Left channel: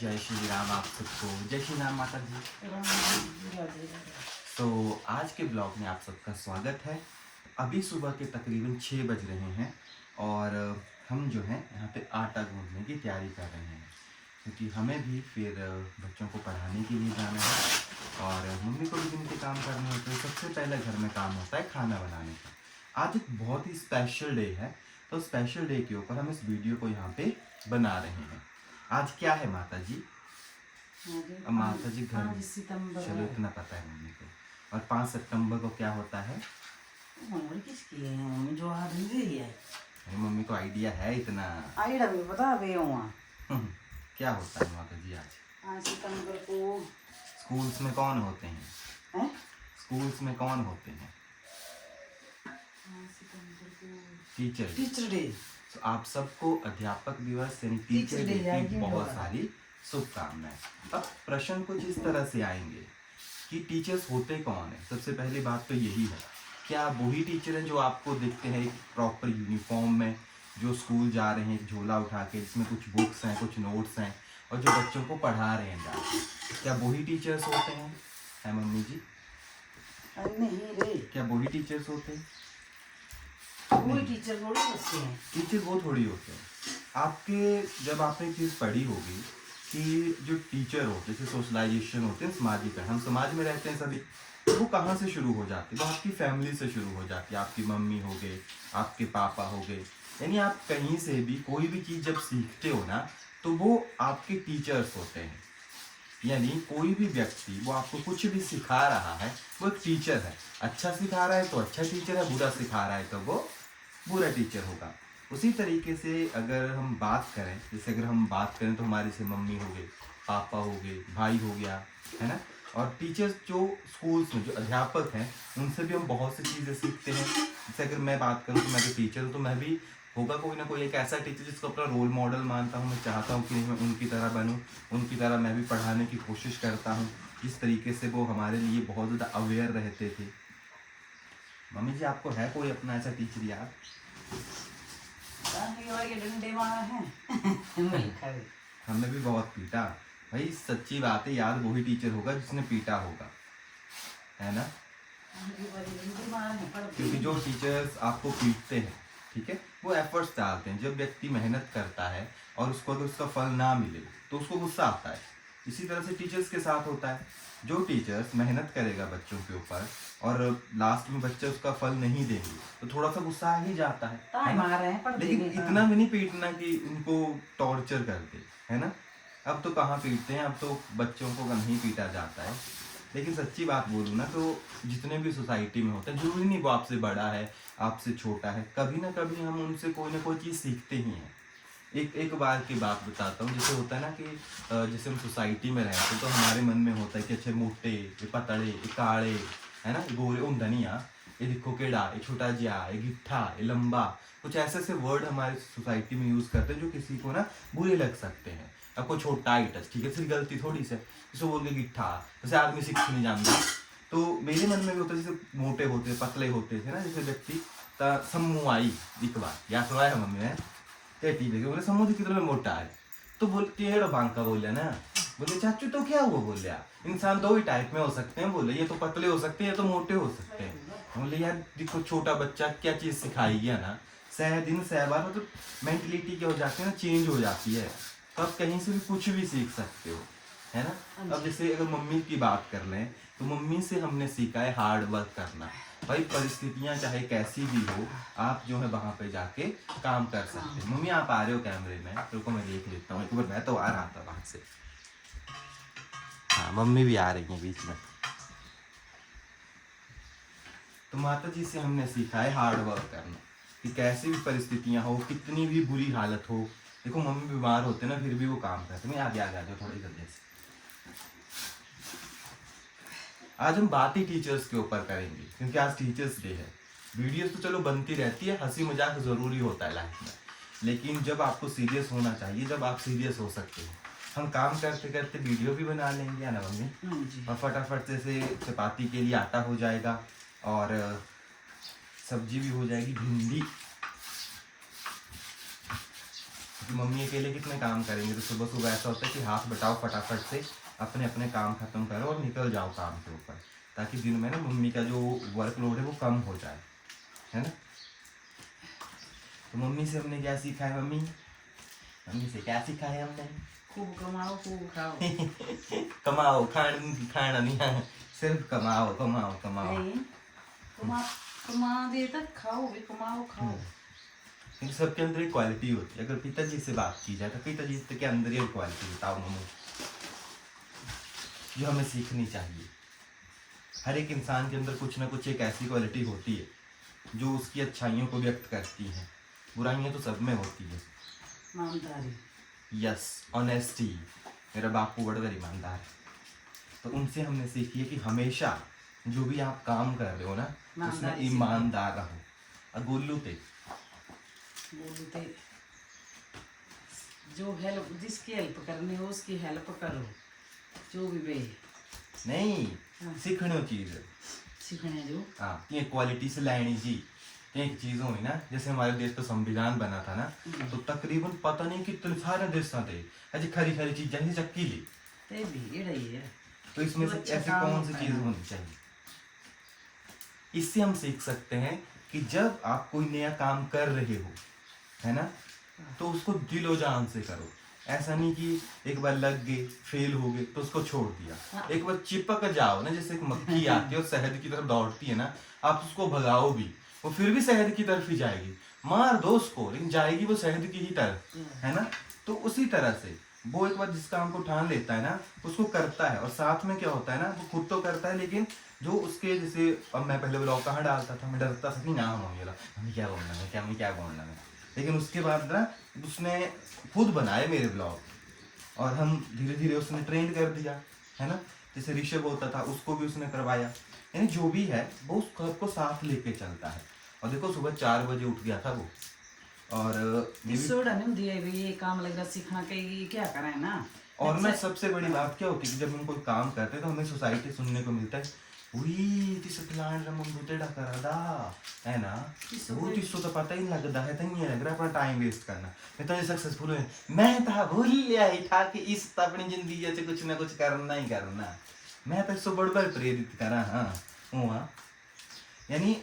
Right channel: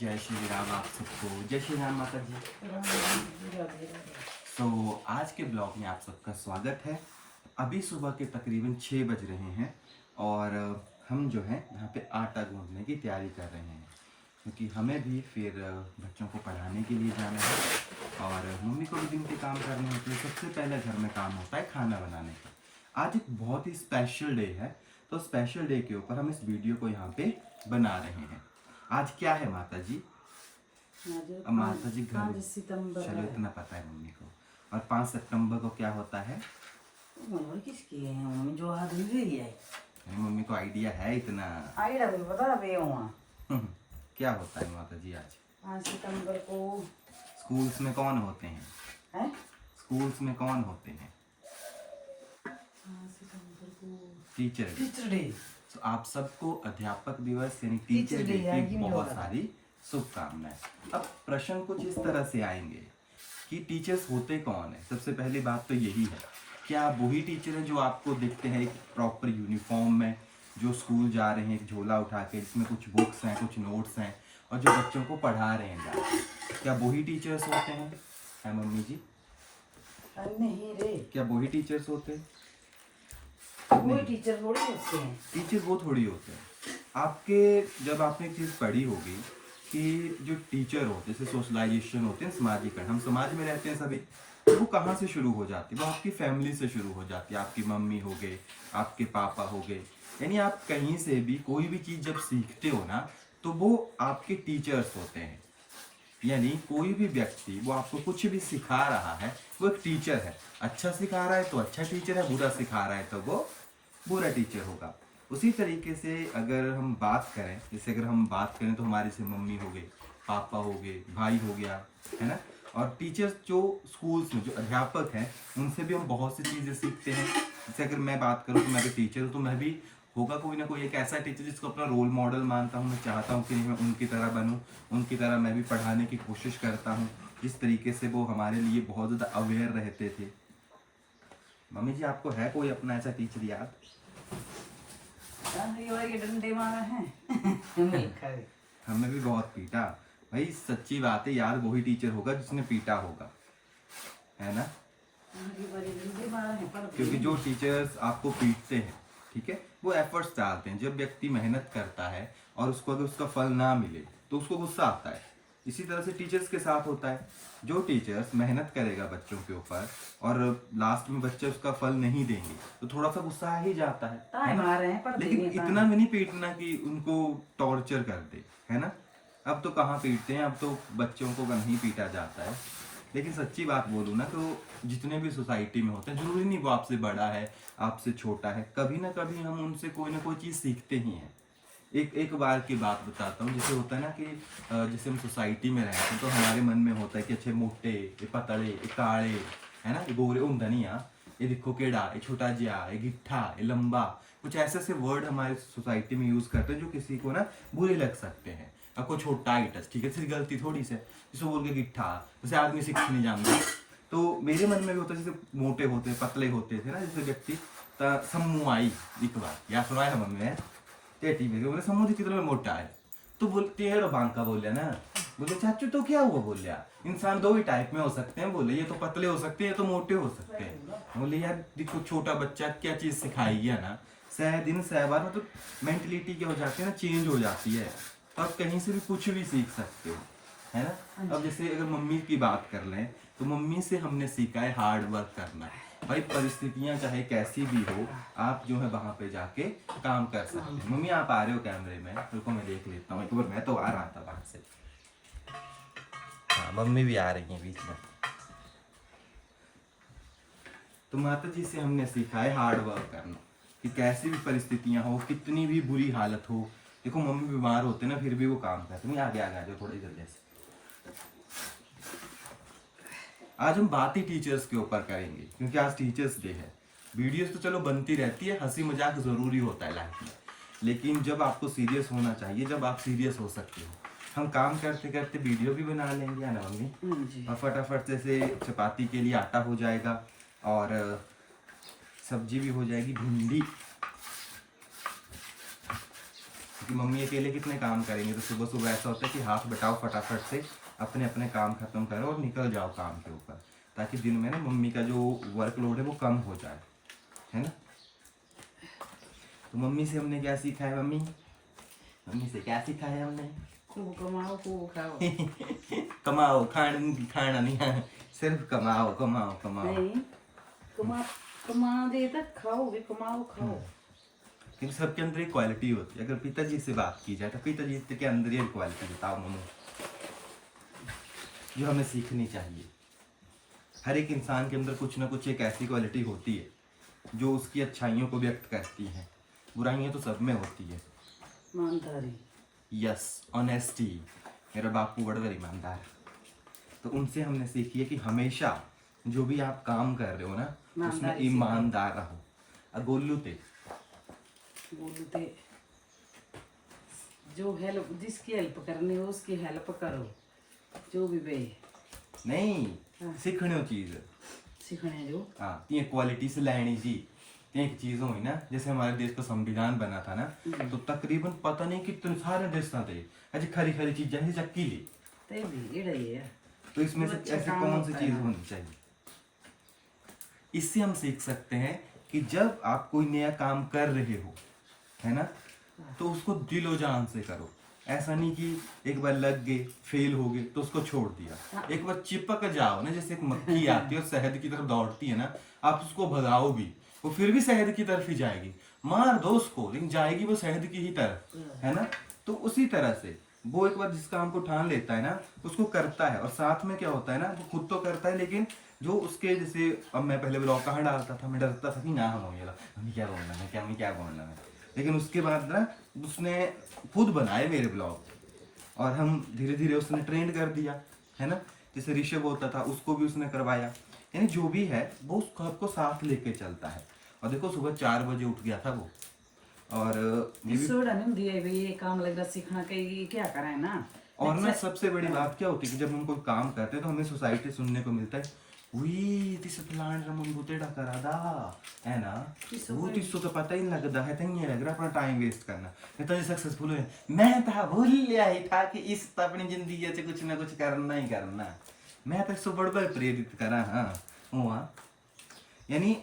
जय श्री राम आप सबको। जय श्री राम माता जी। तो आज के ब्लॉग में आप सबका स्वागत है। अभी सुबह के तकरीबन 6 बज रहे हैं और हम जो है यहाँ पे आटा गूंदने की तैयारी कर रहे हैं, क्योंकि हमें भी फिर बच्चों को पढ़ाने के लिए जाना है और मम्मी को भी दिन के काम करने होते हैं। सबसे पहले घर में काम होता है खाना बनाने का। आज एक बहुत ही स्पेशल डे है, तो स्पेशल डे के ऊपर हम इस वीडियो को यहाँ पे बना रहे हैं। आज क्या है माता जी? माता जी घर, चलो इतना पता है मम्मी को। और 5 सितंबर को क्या होता है? किसकी है मम्मी जो आदमी दे दिया है। मम्मी को आइडिया है इतना? आइडिया भी बता दे क्या होता है माता जी आज? 5 सितंबर को स्कूल्स में कौन होते हैं? स्कूल्स में कौन होते हैं? टीचर। Teacher day. तो आप सबको अध्यापक दिवस यानी टीचर डे की बहुत सारी शुभकामनाएं। अब प्रश्न कुछ इस तरह से आएंगे कि टीचर्स होते कौन है। सबसे पहली बात तो यही है, क्या वही टीचर है जो आपको दिखते हैं एक प्रॉपर यूनिफॉर्म में, जो स्कूल जा रहे हैं झोला उठा के, जिसमें कुछ बुक्स हैं, कुछ नोट्स हैं और जो बच्चों को पढ़ा रहे हैं? क्या वही टीचर्स होते हैं? है मम्मी जी? नहीं रे, क्या वही टीचर्स होते हैं? कोई टीचर थोड़ी होते हैं। टीचर वो थोड़ी होते हैं। आपके जब आपने एक चीज़ पढ़ी होगी कि जो टीचर हो, जैसे सोशलाइजेशन होते हैं, सामाजिक है, हम समाज में रहते हैं सभी, तो वो कहाँ से शुरू हो जाती है? वो आपकी फैमिली से शुरू हो जाती है। आपकी मम्मी हो गए, आपके पापा हो गए, यानी आप कहीं से भी कोई भी चीज़ जब सीखते हो ना, तो वो आपके टीचर्स होते हैं। यानी कोई भी व्यक्ति वो आपको कुछ भी सिखा रहा है, वो एक टीचर है। अच्छा सिखा रहा है तो अच्छा टीचर है, बुरा सिखा रहा है तो वो बुरा टीचर होगा। उसी तरीके से अगर हम बात करें, जैसे अगर हम बात करें तो हमारी से मम्मी हो गए, पापा हो गए, भाई हो गया, है ना। और टीचर्स जो स्कूल्स में जो अध्यापक हैं, उनसे भी हम बहुत सी चीज़ें सीखते हैं। जैसे अगर मैं बात करूँ तो मैं भी टीचर हूँ, तो मैं भी होगा कोई ना कोई एक ऐसा टीचर जिसको अपना रोल मॉडल मानता हूँ। मैं चाहता हूँ कि मैं उनकी तरह बनूँ, उनकी तरह मैं भी पढ़ाने की कोशिश करता हूँ, जिस तरीके से वो हमारे लिए बहुत ज़्यादा अवेयर रहते थे। मम्मी जी, आपको है कोई अपना ऐसा टीचर याद? डंडे मारे हैं। हमें भी बहुत पीटा भाई, सच्ची बात है। याद वही टीचर होगा जिसने पीटा होगा, है ना। क्योंकि जो टीचर्स आपको पीटते हैं, ठीक है, वो एफर्ट्स डालते हैं। जब व्यक्ति मेहनत करता है और उसको अगर उसका फल ना मिले तो उसको गुस्सा आता है। इसी तरह से टीचर्स के साथ होता है। जो टीचर्स मेहनत करेगा बच्चों के ऊपर और लास्ट में बच्चे उसका फल नहीं देंगे तो थोड़ा सा गुस्सा आ ही जाता है। लेकिन इतना भी नहीं पीटना कि उनको टॉर्चर कर दे, है ना। अब तो कहाँ पीटते हैं, अब तो बच्चों को नहीं पीटा जाता है। लेकिन सच्ची बात बोलूँ ना, तो जितने भी सोसाइटी में होते हैं, जरूरी नहीं वो आपसे बड़ा है, आपसे छोटा है, कभी ना कभी हम उनसे कोई ना कोई चीज़ सीखते ही हैं। एक बार की बात बताता हूँ। जैसे होता है ना कि जैसे हम सोसाइटी में रहते हैं तो हमारे मन में होता है कि अच्छे मोटे, ये पतले, ये काले, है ना, ये गोरे, धनिया, ये दिखो केड़ा, ये छोटा जिया, ये गिट्ठा, ये लंबा, कुछ ऐसे ऐसे वर्ड हमारे सोसाइटी में यूज़ करते हैं जो किसी को ना बुरे लग सकते हैं। आपको छोटा ही टच, ठीक है, सिर्फ गलती थोड़ी से जिसको बोल के गिट्ठा, जैसे आदमी से कुछ नहीं जानता। तो मेरे मन में भी होता है, जैसे मोटे होते, पतले होते थे ना जैसे व्यक्ति, सम्मू आई एक बार या सुना है मम्मी है बोले समूह कितना मोटा है, तो बोलते हैं बांका बोले ना, बोले चाचू तो क्या हुआ? बोले इंसान दो ही टाइप में हो सकते हैं, बोले ये तो पतले हो सकते हैं, ये तो मोटे हो सकते हैं। बोले यार देखो, छोटा बच्चा क्या चीज़ सिखाई गया ना, 100 दिन 100 बार, तो मेंटलिटी क्या हो जाती है ना, चेंज हो जाती है। तो आप कहीं से भी कुछ भी सीख सकते हो, है ना। अब जैसे अगर मम्मी की बात कर लें तो मम्मी से हमने सीखा है हार्ड वर्क करना। भाई परिस्थितियां चाहे कैसी भी हो, आप जो है वहां पे जाके काम कर सकते हैं। मम्मी आप आ रहे हो कैमरे में, रुको मैं देख लेता हूँ एक बार। मैं तो आ रहा था वहां से, हाँ मम्मी भी आ रही है बीच में। तो माता जी से हमने सीखा है हार्ड वर्क करना, कि कैसी भी परिस्थितियां हो, कितनी भी बुरी हालत हो। देखो मम्मी बीमार होते ना, फिर भी वो काम करते। नहीं आगे आगे थोड़ी जल्दी से। आज हम बात ही टीचर्स के ऊपर करेंगे, क्योंकि आज टीचर्स डे है। वीडियोस तो चलो बनती रहती है, हंसी मजाक जरूरी होता है लाइफ में, लेकिन जब आपको सीरियस होना चाहिए, जब आप सीरियस हो सकते हो, हम काम करते करते वीडियो भी बना लेंगे, है ना मम्मी। और फटाफट से चपाती के लिए आटा हो जाएगा और सब्जी भी हो जाएगी। क्योंकि मम्मी अकेले कितने काम करेंगे, तो सुबह सुबह ऐसा होता है कि हाथ बटाओ फटाफट से, अपने अपने काम खत्म करो और निकल जाओ काम के ऊपर, ताकि दिन में ना मम्मी का जो वर्कलोड है वो कम हो जाए, है ना। तो मम्मी से हमने क्या सीखा है, मम्मी से क्या सीखा है हमने? खूब कमाओ खूब खाओ। कमाओ, खाना नहीं है, सिर्फ कमाओ कमाओ कमाओ। नहीं, कमा दे तक खाओ भी, कमाओ खाओ। लेकिन सबके अंदर एक क्वालिटी होती है। अगर पिताजी से बात की जाए तो पिताजी के अंदर ये क्वालिटी बताओ मम्मी, जो हमें सीखनी चाहिए। हर एक इंसान के अंदर कुछ ना कुछ एक ऐसी क्वालिटी होती है जो उसकी अच्छाइयों को व्यक्त करती है, बुराइयां तो सब में होती है। ईमानदारी। Yes, honesty. मेरा बापू बड़ा ईमानदार है, तो उनसे हमने सीखी है कि हमेशा जो भी आप काम कर रहे हो ना, उसमें ईमानदार रहो। गोलू थे बोलते जो हेल्प, जिसकी हेल्प करनी हो उसकी हेल्प करो, जो भी बे नहीं हाँ। सीखने चीज सीखने जो हाँ, ये क्वालिटी से लानी जी। एक चीज हुई ना, जैसे हमारे देश का संविधान बना था ना, तो तकरीबन पता नहीं कितने सारे देश थे, ऐसी खरी खरी चीजें ही चक्की ली। ते भी ये रही है। तो इसमें से अच्छा ऐसी काम कौन सी होता है चीज ना। होनी चाहिए? इससे हम सीख सकते हैं कि जब आप कोई नया काम कर रहे हो, है ना, तो उसको दिलो जान से करो। ऐसा नहीं कि एक बार लग गए, फेल हो गए तो उसको छोड़ दिया। एक बार चिपक जाओ ना, जैसे एक मक्खी आती है और शहद की तरफ दौड़ती है ना, आप उसको भगाओ भी, वो फिर भी शहद की तरफ ही जाएगी। मार दो उसको, लेकिन जाएगी वो शहद की ही तरफ, है ना। तो उसी तरह से वो एक बार जिस काम को ठान लेता है ना, उसको करता है। और साथ में क्या होता है ना, वो खुद तो करता है, लेकिन जो उसके, जैसे अब मैं पहले ब्लॉग कहाँ डालता था, मैं डरता था कि ना हम हमें क्या बोलना है, क्या बोलना है। लेकिन उसके बाद ना उसने खुद बनाए मेरे ब्लॉग, और हम धीरे धीरे उसने ट्रेंड कर दिया, है ना। जैसे ऋषभ होता था, उसको भी उसने करवाया। यानी जो भी है वो उस क्लब को साथ लेके चलता है। और देखो सुबह 4 बजे उठ गया था वो, और सोड़ा नहीं दिए भी ये काम लगेगा सीखना के ये क्या कराए ना। और ना सबसे बड़ी बात क्या होती है कि जब हम कोई काम करते हैं तो हमें सोसाइटी सुनने को मिलता है, उई तिस प्लान रा मुंडू तेड़ा करा दा, है ना, वो तिसको तो पता ही नहीं लगता है, तहीं लग रहा अपना टाइम वेस्ट करना। मैं तो सक्सेसफुल हुए, मैं तो भूल लिया ही था कि इस तो अपनी जिंदगी से कुछ ना कुछ करना ही करना। मैं तो इसको बड़ प्रेरित करा। हाँ हुआ, यानी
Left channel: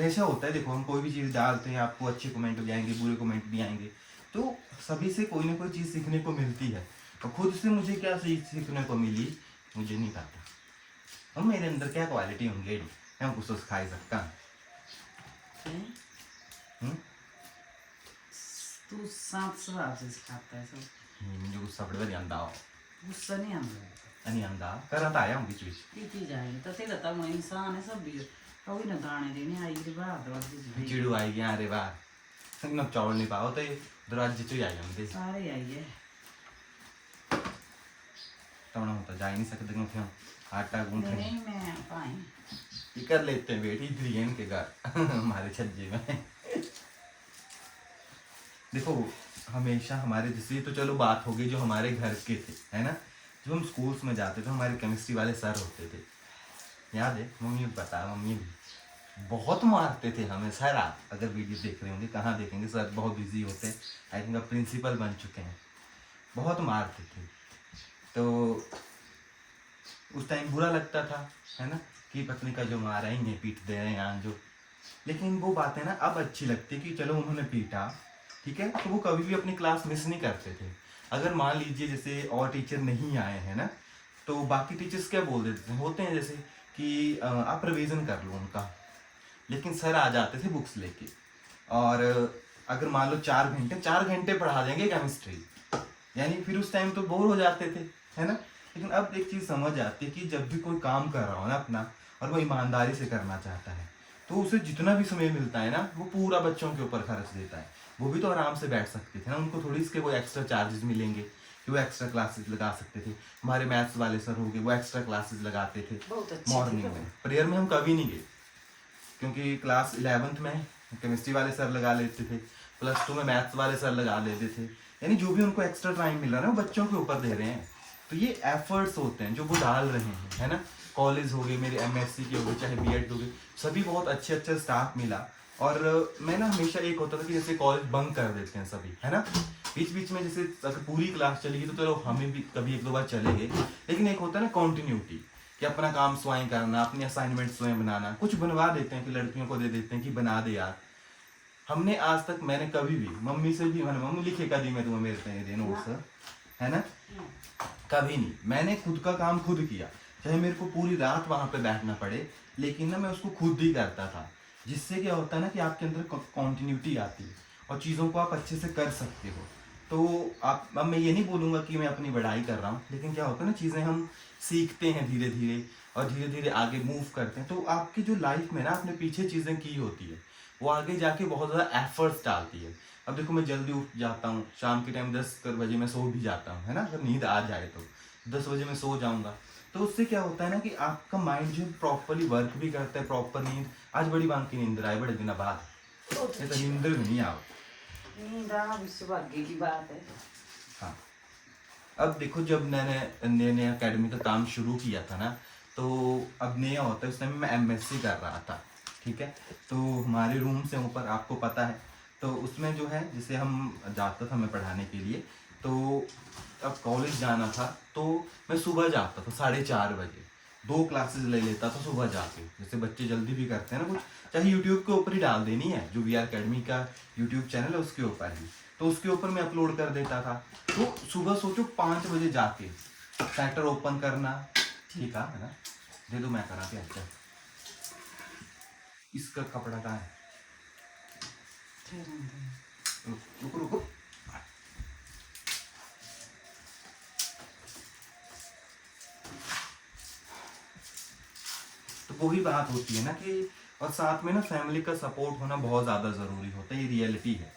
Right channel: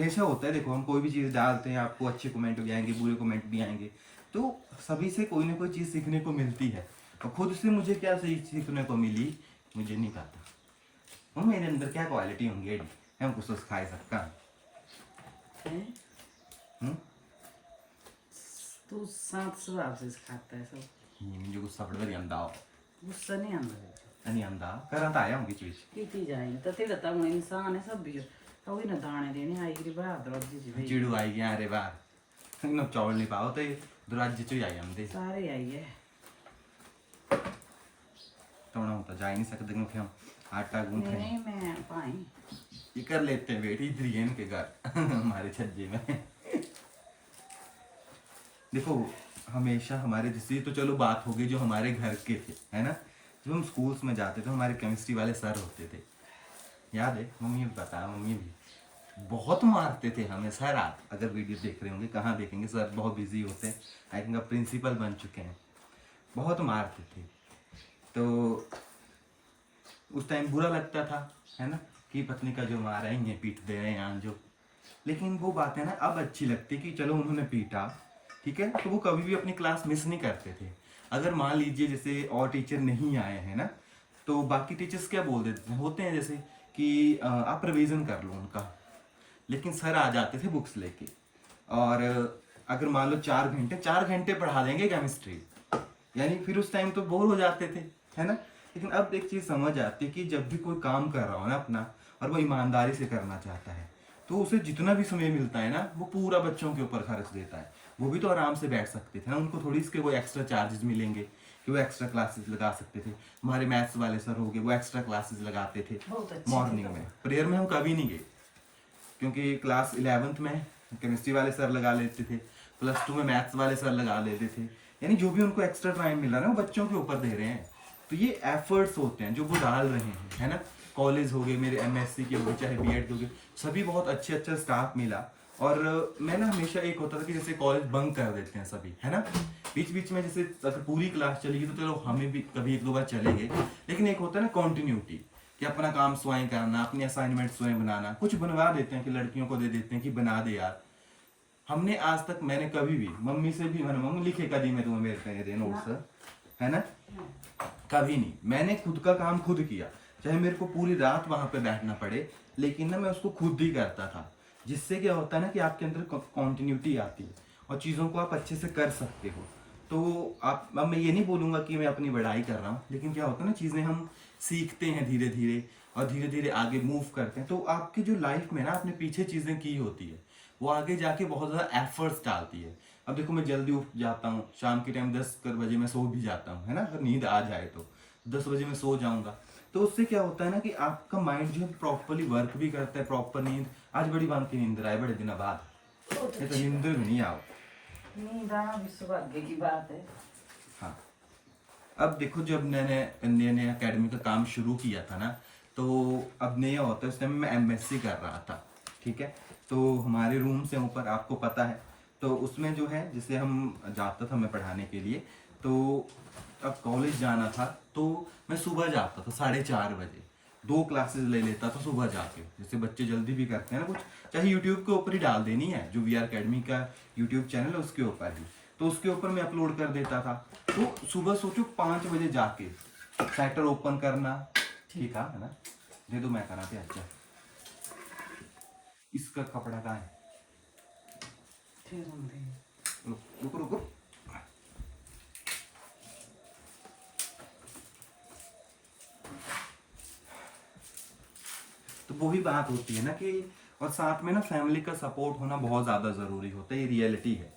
ऐसा होता है। देखो हम कोई भी चीज़ डालते हैं, आपको अच्छे कमेंट भी आएंगे, बुरे कमेंट भी आएंगे, तो सभी से कोई ना कोई चीज़ सीखने को मिलती है। और खुद से मुझे क्या सीखने को मिली, मुझे नहीं पता। हम मेरे अंदर क्या क्वालिटी होंगे, हम कुछ तो सिखा सकता हैं? हूँ। तू साथ स्वभाव से खाता है सब। मुझे गुस्सा बड़ा नहीं आंदा, गुस्सा नहीं आंदा नहीं आंदा, करता आया हूँ चीज़। की जाएगी तो तेरा तो हूँ इंसान है सब भी, कभी ना दाने देने आई री बात और दूसरी चिड़ू आई गया अरे बाहर ना, चौड़ नहीं पाओ तो दरवाजे चो ही आ जाते सारे आई है। तो जा ही नहीं सकते क्योंकि हम आटा गूंथ रहे नहीं मैं पाई ये कर लेते हैं बेटी, इधर ही इनके घर हमारे छज्जे में। देखो हमेशा हमारे, जैसे तो चलो बात हो गई जो हमारे घर के थे, है ना। जब हम स्कूल्स में जाते थे, हमारे केमिस्ट्री वाले सर होते थे, याद है? मम्मी बता, मम्मी भी बहुत मारते थे हमें सर। आप अगर वीडियो देख रहे होंगे, कहाँ देखेंगे, सर बहुत बिजी होते, आई थिंक अब प्रिंसिपल बन चुके हैं। बहुत मारते थे, तो उस टाइम बुरा लगता था, है ना, कि पत्नी का जो मार रहे हैं, पीट दे रहे हैं जो। लेकिन वो बातें ना अब अच्छी लगती कि चलो उन्होंने पीटा, ठीक है, तो वो कभी भी अपनी क्लास मिस नहीं करते थे। अगर मान लीजिए जैसे और टीचर नहीं आए हैं ना, तो बाकी टीचर्स क्या बोल देते होते हैं, जैसे कि आप रिवीजन कर लो उनका। लेकिन सर आ जाते थे बुक्स लेके, और अगर मान लो 4 घंटे पढ़ा देंगे केमिस्ट्री, यानी फिर उस टाइम तो बोर हो जाते थे, है ना। लेकिन अब एक चीज़ समझ आती है कि जब भी कोई काम कर रहा हो ना अपना, और वो ईमानदारी से करना चाहता है, तो उसे जितना भी समय मिलता है ना, वो पूरा बच्चों के ऊपर खर्च देता है। वो भी तो आराम से बैठ सकते थे ना, उनको थोड़ी इसके वो एक्स्ट्रा चार्जेस मिलेंगे कि वो एक्स्ट्रा क्लासेस लगा सकते थे। हमारे मैथ्स वाले सर हो गए, वो एक्स्ट्रा क्लासेस लगाते थे मॉर्निंग में। प्रेयर में हम कभी नहीं गए, क्योंकि क्लास 11th में केमिस्ट्री वाले सर लगा लेते थे, +2 में मैथ्स वाले सर लगा लेते थे। यानी जो भी उनको एक्स्ट्रा टाइम मिल रहा है ना, वो बच्चों के ऊपर दे रहे हैं। तो ये एफर्ट्स होते हैं जो वो डाल रहे हैं, है ना। कॉलेज हो गए मेरे, MSc के हो गए, चाहे B.Ed हो गए, सभी बहुत अच्छे स्टाफ मिला, और मैं ना हमेशा एक होता था कि जैसे कॉलेज बंक कर देते हैं सभी, है ना, बीच बीच में जैसे अगर पूरी क्लास चलेगी तो चलो हमें भी कभी एक दो बार चलेंगे, लेकिन एक होता है ना कॉन्टिन्यूटी, कि अपना काम स्वयं करना, अपने असाइनमेंट स्वयं बनाना, कुछ बनवा देते हैं कि लड़कियों को दे देते हैं कि बना दे यार। हमने आज तक, मैंने कभी भी मम्मी से भी, मैंने मम्मी लिखे का दी मैं तुम्हें मेरे पे दे नोट्स, है ना, कभी नहीं, मैंने खुद का काम खुद किया, चाहे मेरे को पूरी रात वहां पे बैठना पड़े, लेकिन ना मैं उसको खुद ही करता था, जिससे क्या होता है ना कि आपके अंदर कॉन्टिन्यूटी आती है और चीज़ों को आप अच्छे से कर सकते हो। तो आप, अब मैं ये नहीं बोलूँगा कि मैं अपनी बढ़ाई कर रहा हूँ, लेकिन क्या होता है ना, चीज़ें हम सीखते हैं धीरे धीरे और धीरे धीरे आगे मूव करते हैं, तो आपकी जो लाइफ में ना आपने पीछे चीज़ें की होती है वो आगे जाके बहुत ज़्यादा एफर्ट्स डालती है। अब देखो मैं जल्दी उठ जाता हूँ, शाम के टाइम 10 बजे मैं सो भी जाता हूँ, है ना, अगर नींद आ जाए तो 10 बजे मैं सो जाऊँगा, तो उससे क्या होता है ना कि आपका माइंड जो प्रॉपरली वर्क भी करता है, प्रॉपर नींद, आज बड़ी बांध की नींद आए बड़े दिन बाद, ये तो नींद नहीं आओ। नींद आना भी सौभाग्य की बात है। हाँ, अब देखो जब मैंने नया नया अकेडमी का काम शुरू किया था ना, तो अब नया होता है, उस टाइम मैं एमएससी कर रहा था, ठीक है, तो हमारे रूम से ऊपर आपको पता है, तो उसमें जो है जैसे हम जाता था मैं पढ़ाने के लिए, तो अब कॉलेज जाना था तो मैं सुबह जाता था 4:30 बजे, 2 क्लासेस ले लेता था सुबह जाके, जैसे बच्चे जल्दी भी करते हैं ना कुछ, चाहे यूट्यूब के ऊपर ही डाल देनी है, जो वीआर अकेडमी का यूट्यूब चैनल है उसके ऊपर ही, तो उसके ऊपर मैं अपलोड कर देता था। तो सुबह सोचो 5 बजे जाके साइटर ओपन करना, ठीक है ना, दे दो मैं करा के, अच्छा इसका कपड़ा कहाँ है, रुको रुको, तो वही बात होती है ना कि, और साथ में ना फैमिली का सपोर्ट होना बहुत ज़्यादा ज़रूरी होता है, ये रियलिटी है।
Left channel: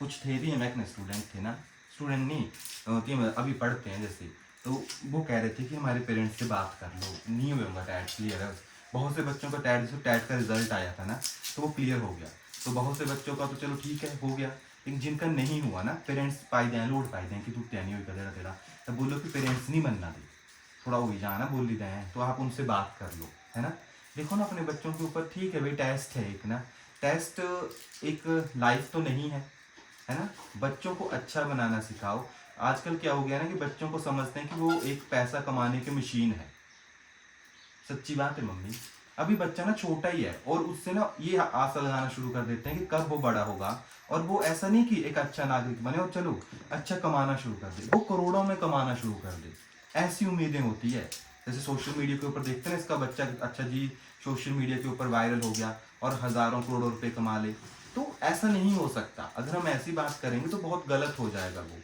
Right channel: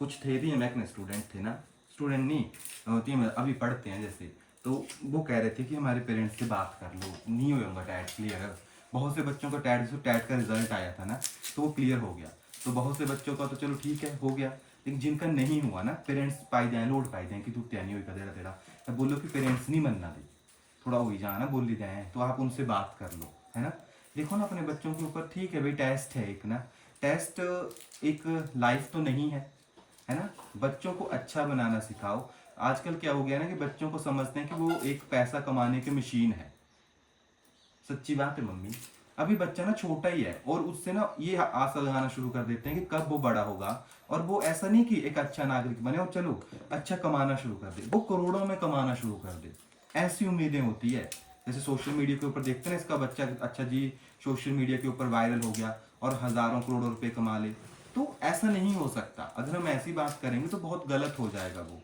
कुछ थे भी हम एक स्टूडेंट थे ना, स्टूडेंट नहीं होती, अभी पढ़ते हैं जैसे, तो वो कह रहे थे कि हमारे पेरेंट्स से बात कर लो, नहीं होगा टैट क्लियर। बहुत से बच्चों का टैट का रिजल्ट आया था ना, तो वो क्लियर हो गया, तो बहुत से बच्चों का तो चलो ठीक है हो गया, लेकिन जिनका नहीं हुआ ना, पेरेंट्स पाई दें लोड पाई दें कि तू क्या नहीं होगा तेरा तेरा, तो बोलो कि पेरेंट्स नहीं बनना दे, थोड़ा हो ही जाना बोल ही रहे हैं, तो आप उनसे बात कर लो, है ना, देखो ना अपने बच्चों के ऊपर, ठीक है भाई टेस्ट है एक ना, टेस्ट एक लाइफ तो नहीं है ना, बच्चों को अच्छा बनाना सिखाओ। आजकल क्या हो गया ना कि बच्चों को समझते हैं कि वो एक पैसा कमाने की मशीन है, सच्ची बात है मम्मी, अभी बच्चा ना छोटा ही है और उससे ना ये आशा लगाना शुरू कर देते हैं कि कब वो बड़ा होगा, और वो ऐसा नहीं कि एक अच्छा नागरिक बने और चलो अच्छा कमाना शुरू कर दे, वो करोड़ों में कमाना शुरू कर दे, ऐसी उम्मीदें होती है। जैसे सोशल मीडिया के ऊपर देखते हैं ना, इसका बच्चा अच्छा जी सोशल मीडिया के ऊपर वायरल हो गया और हजारों करोड़ों रुपए कमा ले, तो ऐसा नहीं हो सकता, अगर हम ऐसी बात करेंगे तो बहुत गलत हो जाएगा वो।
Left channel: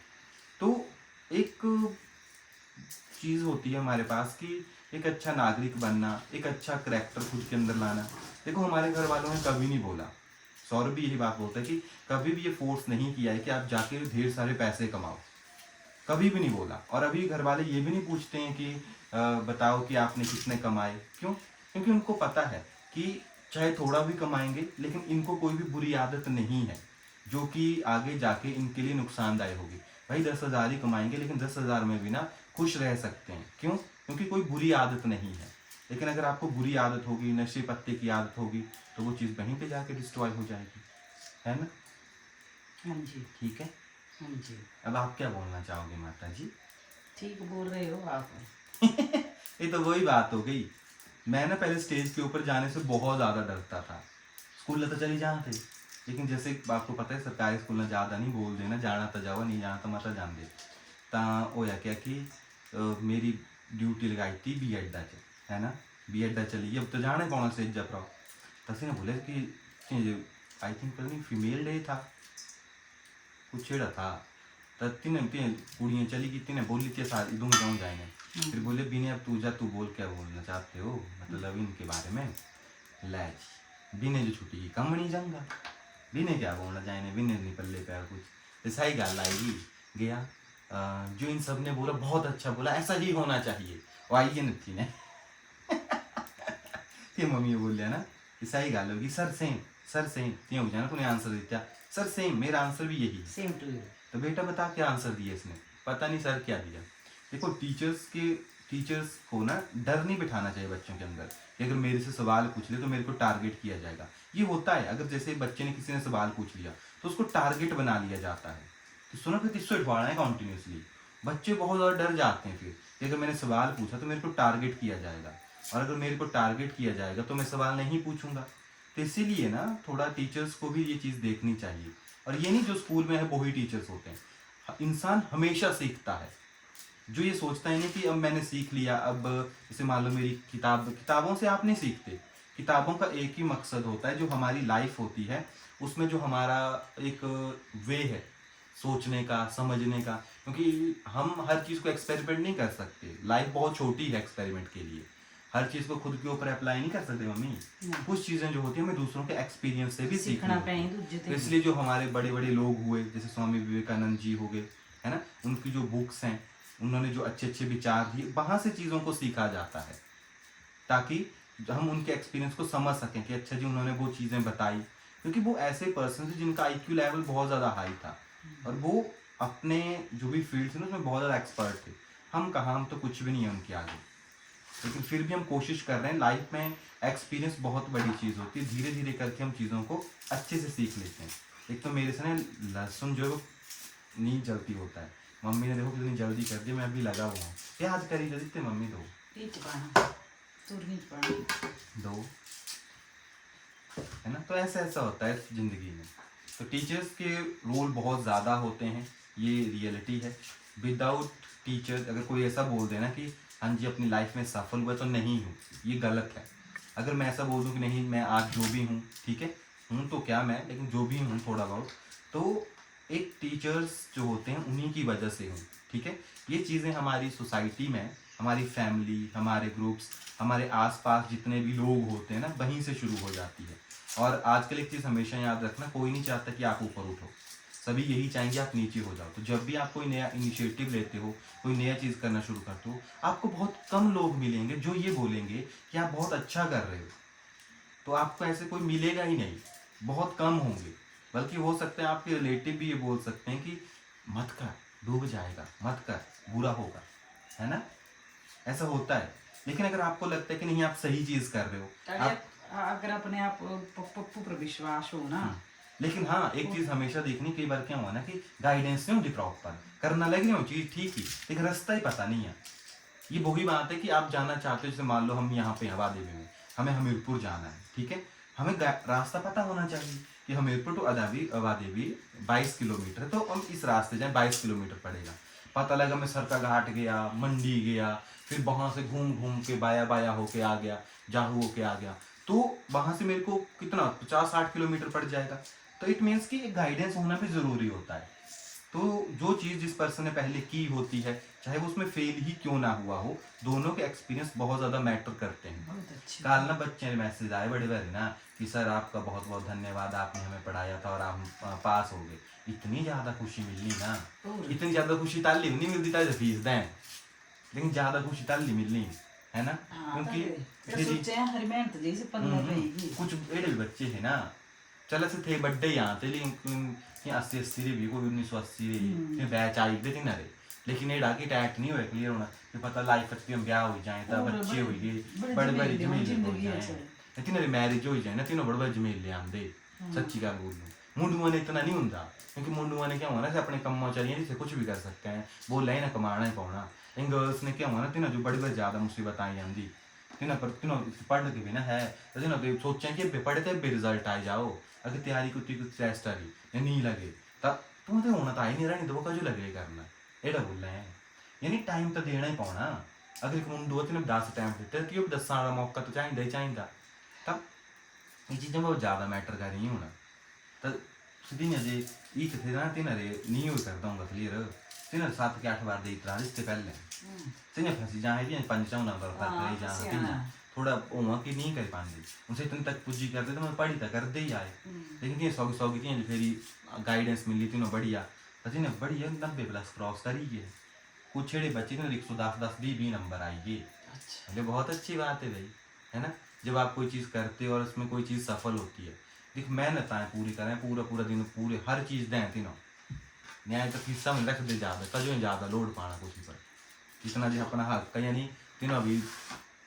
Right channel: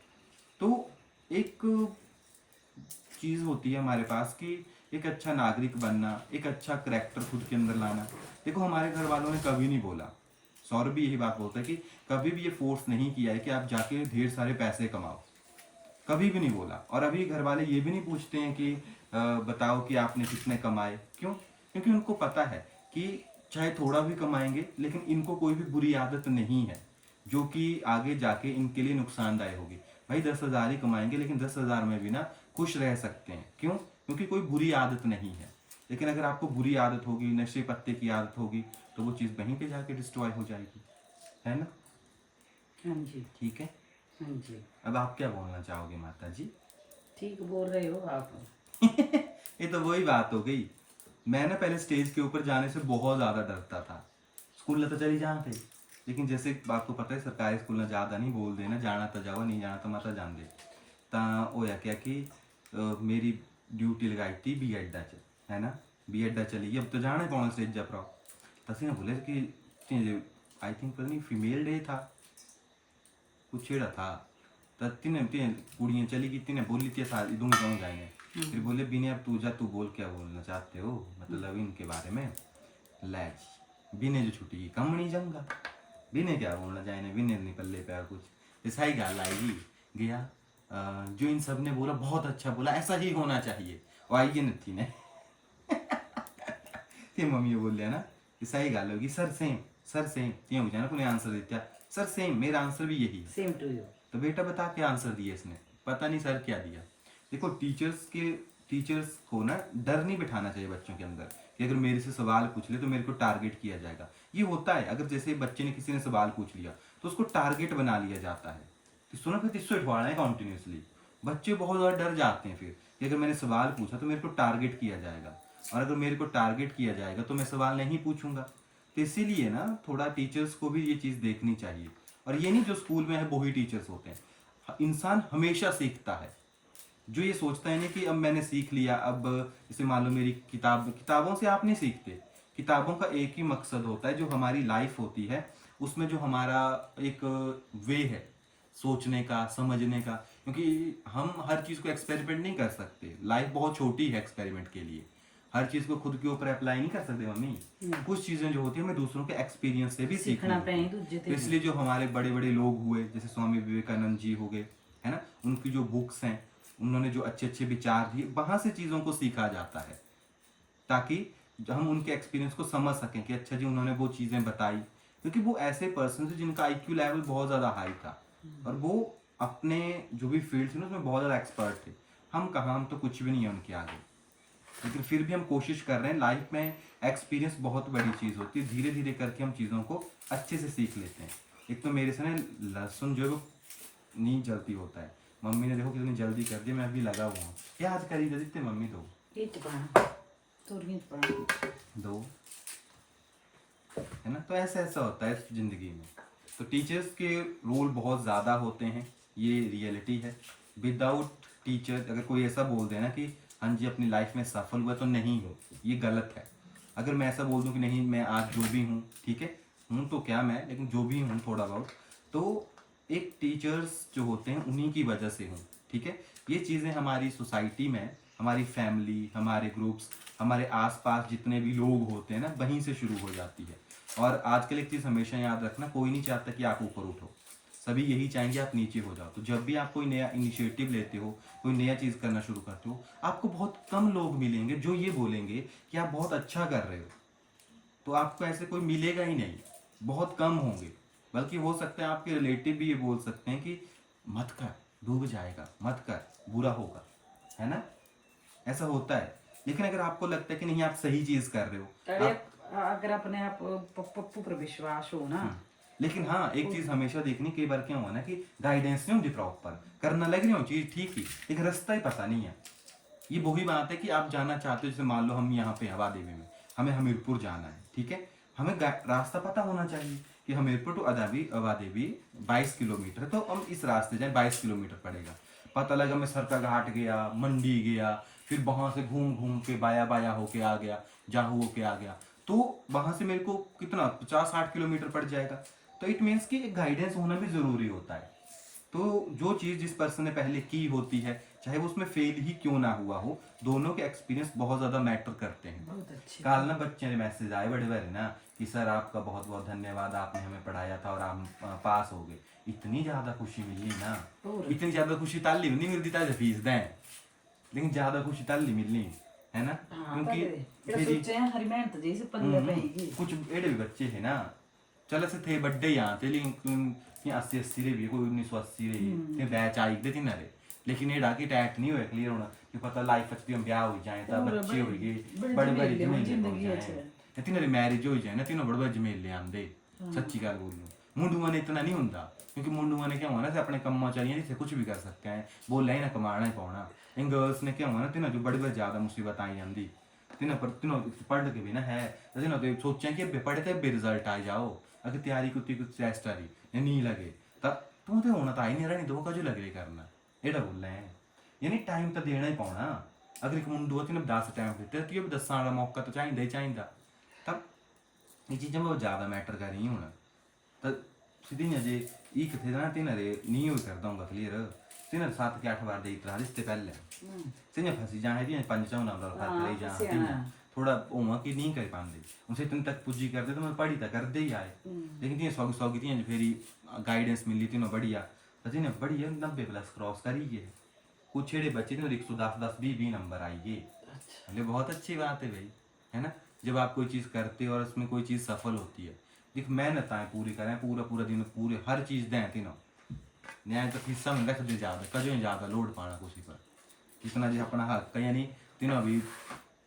तो एक चीज़ होती है हमारे पास कि एक अच्छा नागरिक बनना, एक अच्छा करैक्टर खुद के अंदर लाना। देखो हमारे घर वालों ने कभी नहीं बोला, सौरभ भी यही बात बोलता है कि कभी भी ये फोर्स नहीं किया है कि आप जाके ढेर सारे पैसे कमाओ, कभी भी नहीं बोला। और अभी घर वाले ये भी नहीं पूछते हैं कि बताओ कि आपने कितने कमाए, क्यों, क्योंकि उनको पता है कि चाहे थोड़ा भी कमाएंगे लेकिन इनको कोई भी बुरी आदत नहीं है जो कि आगे जाके इनके लिए नुकसानदायक होगी। भाई 10,000 ही कमाएंगे लेकिन 10,000 में भी ना खुश रह सकते हैं, क्यों, क्योंकि कोई बुरी आदत नहीं है। लेकिन अगर आपको बुरी आदत होगी, नशे पत्ते की आदत होगी, तो वो चीज़ वहीं पे जाके डिस्ट्रॉय हो जाएगी, है ना। हाँ जी, ठीक है, हाँ जी, अब आप क्या बोलना चाहोगे माता जी? ठीक बोल रहे हो आप। ये तो वही बात हो गई, मैं ना पहले स्टेज के ऊपर जाने से बहुत ज़्यादा डरता था, स्कूल में तो चली जहाँ थे, लेकिन जैसे आपको पता है सरकारी स्कूल में ज़्यादा नहीं बोल देना, जाना तो जाओ नहीं जाना तो मत जान दे। ਤਾਂ ਹੋਇਆ क्या कि मेरी ड्यूटी लगाई थी बीएड ਦਾ ਚ, है ना, बीएड ਦਾ चली अब तो जाने कौन से जब रहो, ਅਸੀਂ ना बोले कि आई थिंक पता नहीं फीमेल डे था कुछ छेड़ा था, तो तीन कुड़ियाँ चली गई, तीन बोली थी सारी दूँ जाऊँ जाएंगे, फिर बोले बीने अब तू जा, तू बोल क्या बोलना चाहते हो मतलब इनके बारे में, लै बीने जो छुट्टी की कम नहीं जाऊँगा, बीने क्या बोलना चाहिए, बीने नहीं पल्ले पे कुछ, ऐसा ही गल आएगी गया। जो इन सब ने बोला बहुत अच्छा बोला, ऐसा ही होना चाहिए, और आई नहीं ने ते मम्मी बोलिया ना कि सही गल होगी, सर सेम ते हो जाना कोई आंसर देता, सर सेम, मेरा आंसर भी यही, सेम टू यू। तो बेटा बता क्या आंसर दिया इसने, पता नहीं सर क्या दिया। देखो टीचर्स को ना डर नहीं बिठाना चाहिए बच्चों के अंदर कि अगर मेरे से सवाल पूछ ले तो मेरे को टारगेट किया जाएगा, ये होता है। अगर जैसे बच्चे ने किसी ने सवाल पूछ लिया तो उसको टारगेट बना लिया जाता है कि सुनो फिर इसको इठवाना है कंटिन्यूसली। बच्चे बहुत ज़्यादा डर जाते हैं फिर कि अगर मैंने सवाल पूछा तो मेरे को टारगेट किया जाएगा, और अगर मेरे को टारगेट किया जाएगा तो मैं सवाल नहीं पूछूंगा। तो इसीलिए ना थोड़ा टीचर्स को भी ये चीज़ देखनी चाहिए। और ये नहीं जो स्कूल में है वही टीचर्स होते हैं। इंसान हमेशा सीखता है। जो ये सोचता ही नहीं कि अब मैंने सीख लिया, अब जैसे मान लो मेरी किताबों से आप नहीं सीखते। किताबों का एक ही मकसद होता है, जो हमारी लाइफ होती है उसमें जो हमारा एक वे है सोचने का, समझने का, क्योंकि हम हर चीज़ को एक्सपेरिमेंट नहीं कर सकते। लाइफ बहुत छोटी है एक्सपेरिमेंट के लिए। हर चीज़ को खुद के ऊपर अप्लाई नहीं कर सकते मम्मी। कुछ चीज़ें जो होती है हमें दूसरों के एक्सपीरियंस से भी सीखनी होती है। तो इसलिए जो हमारे बड़े बड़े लोग हुए, जैसे स्वामी विवेकानंद जी हो गए, है ना, उनकी जो बुक्स हैं, उन्होंने जो अच्छे अच्छे विचार दिए, वहाँ से चीज़ों को सीखा जाता है, ताकि हम उनके एक्सपीरियंस को समझ सकें कि अच्छा जी उन्होंने वो चीज़ें बताई। क्योंकि वो ऐसे पर्सन थे जिनका IQ लेवल बहुत ज़्यादा हाई था, और वो अपने जो भी फील्ड थी ना उसमें बहुत ज़्यादा एक्सपर्ट थे। हम कहाँ, हम तो कुछ भी नहीं है उनके आगे। लेकिन फिर भी हम कोशिश कर रहे हैं। लाइफ में एक्सपीरियंस बहुत बड़ी चीज़ होती है। धीरे धीरे करके हम चीज़ों को अच्छे से सीख लेते हैं। एक तो मेरे से ना लहसुन जो नहीं जल्दी होता है। मम्मी ने देखो कितनी जल्दी कर दी, मैं अभी लगा हुआ हूँ। क्या आज करी जल्दी थे मम्मी? दो है ना। तो ऐसा ऐसा होता है जिंदगी में। तो टीचर्स के रोल बहुत ज़्यादा होते हैं, ये रियलिटी है। विदाउट टीचर अगर कोई ऐसा बोल देना कि हाँ जी अपनी लाइफ में सफल हुआ, तो नहीं हो, ये गलत है। अगर मैं ऐसा बोल दूँ कि नहीं मैं आज जो भी हूँ, ठीक है, हूँ तो क्या मैं, लेकिन जो भी हूँ थोड़ा बहुत, तो एक टीचर्स जो होते हैं उन्हीं की वजह से हूँ, ठीक है। ये चीज़ें हमारी सोसाइटी में, हमारी फैमिली, हमारे ग्रुप्स, हमारे आसपास जितने भी लोग होते हैं ना, वहीं से शुरू हो जाती है। और आजकल एक चीज़ हमेशा याद रखना, कोई नहीं चाहता कि आप ऊपर उठो, सभी यही चाहेंगे आप नीचे हो जाओ। तो जब भी आप कोई नया इनिशिएटिव लेते हो, कोई नया चीज़ करना शुरू करते हो, आपको बहुत कम लोग मिलेंगे जो ये बोलेंगे कि आप बहुत अच्छा कर रहे हो। तो आपको ऐसे कोई मिलेगा ही नहीं, बहुत कम होंगे। बल्कि हो सकता है आपके रिलेटिव भी ये बोल सकते हैं कि मत कर, डूब जाएगा, मत कर, बुरा होगा, है ना। ऐसा होता है। लेकिन अगर आपको लगता है कि नहीं आप सही चीज़ कर रहे हो, अगर अपने आप पप्पू पर विश्वास हो ना। लेकिन हाँ एक चीज हमेशा देखनी, कई बार क्या हुआ ना कि गाइडेंस नहीं होती प्रॉपर, करना लग रही हो चीज ठीक ही, लेकिन रास्ता ही पता नहीं है। ये वही बात है कि आप जाना चाहते हो, जैसे मान लो हम यहाँ पे आबादी में हमें हमीरपुर जाना है, ठीक है, हमें रास्ता पता होना चाहिए कि हमीरपुर टू आबादेवी 22 किलोमीटर, तो हम इस रास्ते जाए 22 किलोमीटर पड़ेगा। पता लगा मैं सरका घाट गया, मंडी गया, फिर वहां से घूम घूम के बाया बाया होके आ गया, जाहू होके आ गया, तो वहां से मेरे को कितना 50-60 किलोमीटर पड़ जाएगा। तो इट मीन्स कि गाइडेंस होना भी जरूरी होता है। तो जो चीज़ जिस पर्सन ने पहले की होती है, चाहे वो उसमें फेल ही क्यों ना हुआ हो, दोनों के एक्सपीरियंस बहुत ज़्यादा मैटर करते हैं। कल ना बच्चे ने मैसेज आए बड़े बड़े ना कि सर आपका बहुत बहुत धन्यवाद, आपने हमें पढ़ाया था और हम पास हो गए। इतनी ज़्यादा खुशी मिली ना, इतनी ज़्यादा खुशी ताली नहीं मिलती ताली फीस दें, लेकिन ज़्यादा खुशी ताली मिलनी है ना। क्योंकि कुछ एडे भी बच्चे है ना, चल ऐसे थे बड्डे यहाँ थे, लेकिन 80-80 रे भी कोई 1980 रे फिर बैच आई दे तीन रे, लेकिन ये डाके टैट नहीं हुए क्लियर होना कि पता लाइफ अच्छी हम ब्याह हो जाए ता बच्चे हो गए, बड़े बड़े जमेले हो जाए, तीन रे मैरिज हो जाए ना, तीनों बड़े बड़े जमेले आंदे। सच्ची गल बोल मुंडुआ ने इतना नहीं होता, क्योंकि मुंडुआ ने क्या होना अपने कम्मों चाहिए से कुछ भी कर सकते हैं, बोला ही ना कमाना ही पाना। इन गर्ल्स ने क्या होना तीनों जो बड़े बड़े ज्यादा मुसीबत आई जाती, तीनों पर तीनों पढ़ के भी ना है, तीनों तो सोचें कि पढ़ते भी रिजल्ट आ जाओ, अगर तैयारी कुछ टेस्ट आ रही नहीं लगे तब तुम तो होना तो आई नहीं रहा, नहीं तो वो कजू लगे करना एड़ा बोल रहे हैं। यानी टाइम तो देना ही पाना। अगर एक मुंडू तीन 10 टाइम दिते तो 10 का मौका तो चाहिए ही चाहिए। तब ये चीज़ें बहुत ज़्यादा मैटर कर रही होना। तो सीधी अजे ये कितने ना तीन रे नहीं हो करता हूँ क्लियर, तीन 7 के 8 बार दे इतना इससे पहले तीन फंसी जाए भी 5 ले जा थोड़ा ओमा कि नहीं कर पाते, उनसे इतने तक पुजी करते तो मैं पढ़ी तो करते ही आए। लेकिन ये 100 की थी फिर गाइडेंस मिली थी ना बढ़िया, अजी ने बढ़िया 90+ क्रॉस करी गए। कुछ छेड़े बच्चे ने 110-20 नंबर आई गए। अच्छा बहुत अच्छी बात है भाई, है ना। जब आप कोई चीज़ करते हो और उसमें कोई चीज़ सफल होती है, देख मेहनत आए पूरी करें, पूरा पूरा दिन पूरे हर चीज़ दें तीनों न्याय तक हिस्सा में रख दे ज़्यादा कजो ज़्यादा लोड पाना कुछ पर कितना जो अपना हक यानी तीनों भी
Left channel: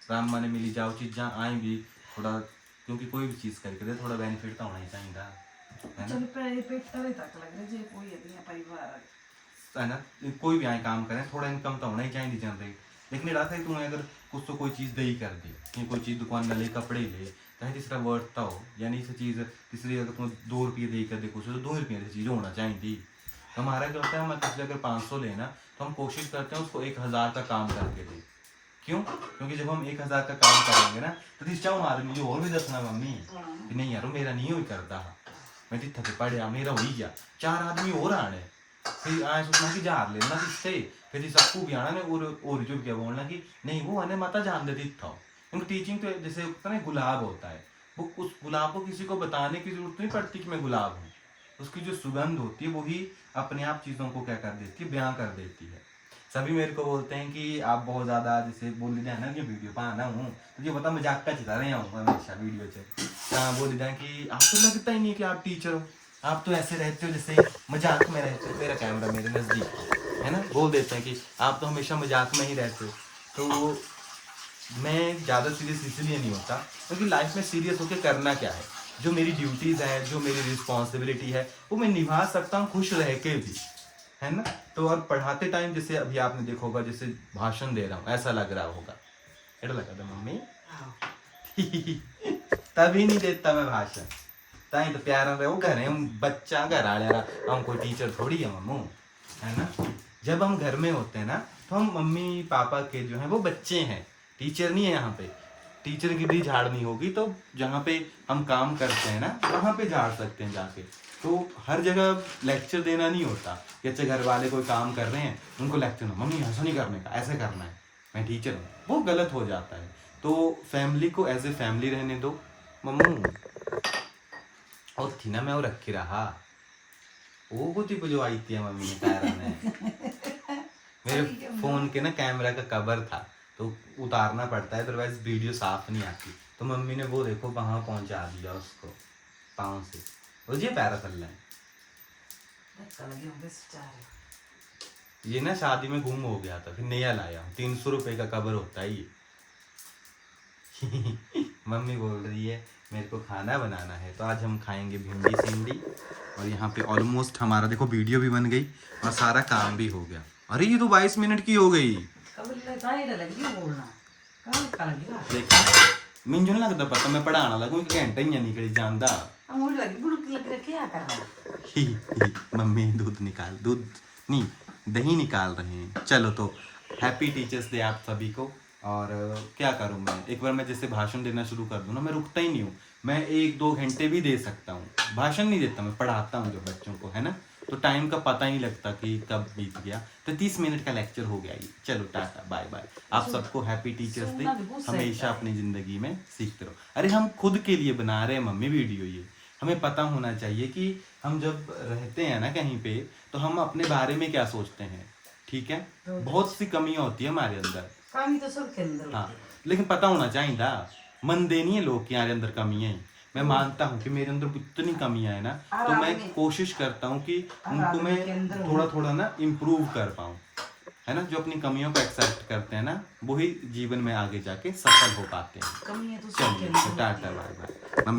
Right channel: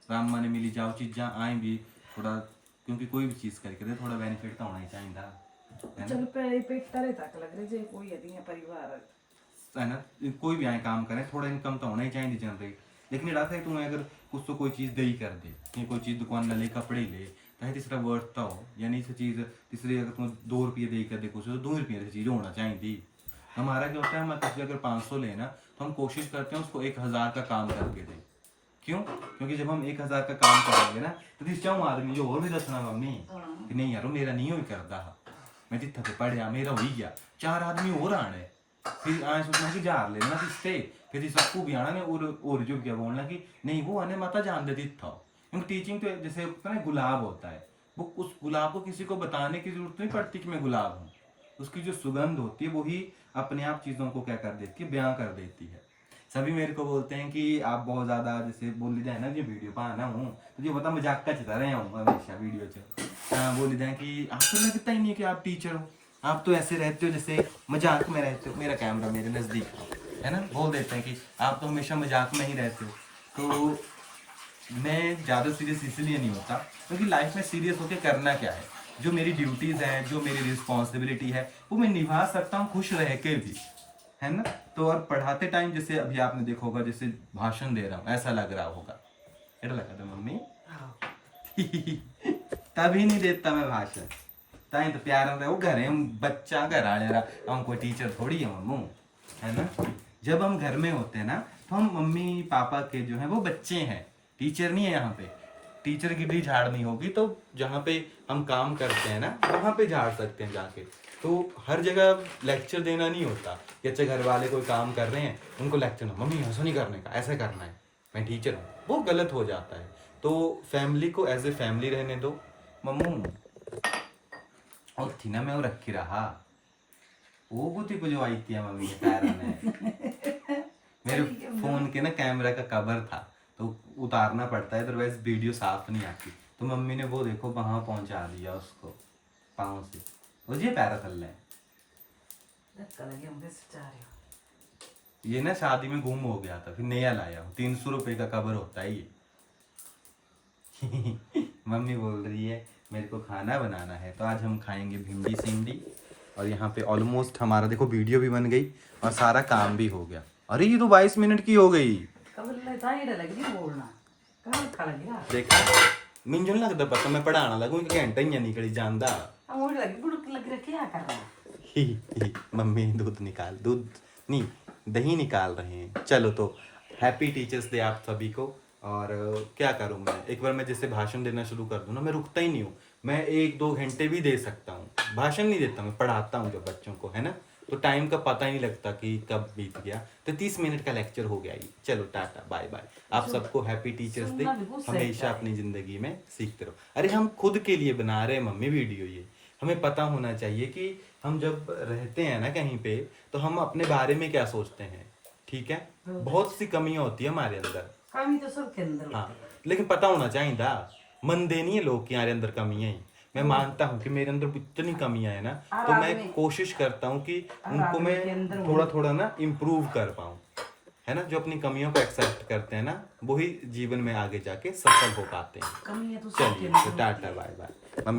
राम माने मिली जाओ चीज़ा आए भी थोड़ा क्योंकि कोई भी चीज़ करके दे थोड़ा बेनिफिट तो होना ही चाहिए, है ना। चल पेट तरे तक लग रहे जे कोई यदि परिवार है ना, कोई भी आए काम करें थोड़ा इनकम तो होना ही चाहिए जनरेट। लेकिन ये रहा है तुम्हें अगर कुछ तो कोई चीज़ दे ही कर दे, कहीं कोई चीज़ दुकान में ले कपड़े ले, चाहे तीसरा वर्डता हो, यानी इस चीज़ तीसरी अगर तुम्हें 2 रुपये दे कर दे कुछ तो 2 रुपये की चीज़ होना चाहिए थी। हमारा क्या होता है, हम किसी अगर 500 लेना तो हम कोशिश करते हैं उसको 1000 का काम करके दे। क्यों? क्योंकि जब हम 1000 का काम करेंगे ना तो तीस चाह मार जो और भी दसना मम्मी कि नहीं यार मेरा नहीं हो करता, मैं जितना से पढ़िया मेरा हो गया, 4 आदमी और आने फिर आए सोचना कि जार लेना किससे, फिर सबको भी आना में और जो क्या बोलना कि नहीं वो आने माता जान देती था। क्योंकि टीचिंग तो जैसे होता है ना गुलाब होता है, वो उस गुलाब को किसी को बताने की जरूरत नहीं पड़ती कि मैं गुलाब हूँ, उसकी जो सुगंध होती है वही अपने आप चीज़ों को क्या कर देती है, बयां कर देती है। सभी मेरे को बोलते हैं कि आप बहुत ज़्यादा जैसे बोल ली जाए ना कि वीडियो पर आना हूँ तो ये बता मजाक का चिता रहे हूँ हमेशा वीडियो से बोल जाए कि आपको लगता ही नहीं कि आप टीचर हो, आप तो ऐसे रहते हो जैसे मजाक में रहते हो, मेरा कैमरा मेरे नज़दीक है ना, बोल देते हैं कि आप तो हमेशा मजाक में ही रहते हो। तो मैं ज़्यादा सीरियस इसलिए नहीं होता क्योंकि लाइफ में सीरियस होकर करना क्या है, जो मेरी ड्यूटीज़ हैं, जो मेरी रिस्पॉन्सिबिलिटी है वो मैं निभा सकता हूँ खुश रह के भी, है ना। तो और पढ़ाते टाइम जैसे अभी आपने देखा होगा जैसे भाषण दे रहा हूँ ऐसा लग रहा होगा, ऐसा लगा था मम्मी तभी नहीं देता मैं भाषण, ताई तो प्यार रहे वो घर है, हम बच्चा घर आ रहा, हम कोई टीचर थोड़ी है मम्मू, है ना। जब हम घर में होते हैं ना तो हम मम्मी पापा के जो है वो बच्चे हैं, टीचर नहीं है। यहाँ पे टीचर की भी झाड़नी होगी तो जहाँ पे हम काम करते हैं ना वहाँ पे झाड़ सकते हैं जाके। तो हर जगह लेक्चर देना नहीं होता, जैसे घर वाले कोई काम कर रहे हैं उनको लेक्चर ना, मम्मी ऐसा नहीं करने का, ऐसे करना है, मैं टीचर हूँ, वो गलत हो जाता है। तो फैमिली को एज ए फैमिली रहने दो मम्मू। और थी ना मैं वो रखी रहा वो कुछ जो आई थी मम्मी ने पैरा ने मेरे फोन के ना कैमरा का कवर था तो उतारना पड़ता है, अदरवाइज वीडियो साफ नहीं आती। तो मम्मी ने वो देखो वहां पहुंचा दिया उसको पाँव से, वो ये पैरा चल रहा है। ये ना शादी में गुम हो गया था फिर नया लाया हूँ, 300 रुपये का कवर होता है ये मम्मी बोल रही है मेरे को खाना बनाना है तो आज हम खाएंगे भिंडी सिंडी। और यहाँ पे ऑलमोस्ट हमारा देखो वीडियो भी बन गई और सारा काम भी हो गया। अरे ये तो 22 मिनट की हो गई, देखा मिंजन लगता पता मैं पढ़ाना लगू घंटा ही निकल जाता। मम्मी दूध नहीं दही निकाल रहे हैं। चलो तो हैप्पी टीचर्स डे आप सभी को। और क्या करूँ मैं, एक बार मैं जैसे भाषण देना शुरू कर दूँ ना मैं रुकता ही नहीं हूँ, मैं 1-2 घंटे भी दे सकता हूँ। भाषण नहीं देता, मैं पढ़ाता हूँ जब बच्चों को, है ना, तो टाइम का पता ही नहीं लगता कि कब बीत गया। तो 30 मिनट का लेक्चर हो गया ये। चलो टाटा बाय बाय, आप सबको हैप्पी टीचर्स डे, हमेशा अपनी जिंदगी में सीखते रहो। अरे हम खुद के लिए बना रहे हैं मम्मी वीडियो, ये हमें पता होना चाहिए कि हम जब रहते हैं ना कहीं पे तो हम अपने बारे में क्या सोचते हैं, ठीक है। बहुत सी कमियां होती है हमारे अंदर, कमी तो सबके अंदर, हाँ, लेकिन पता होना चाहिए था। मन दे नहीं है लोग के हमारे अंदर कमियां हैं। मैं मानता हूँ कि मेरे अंदर इतनी कमियां है ना, तो मैं कोशिश करता हूँ कि उनको मैं थोड़ा थोड़ा ना इम्प्रूव कर पाऊँ, है ना। जो अपनी कमियों को एक्सेप्ट करते हैं ना वही जीवन में आगे जाके सफल हो पाते हैं। चलिए टाटा बाय बाय।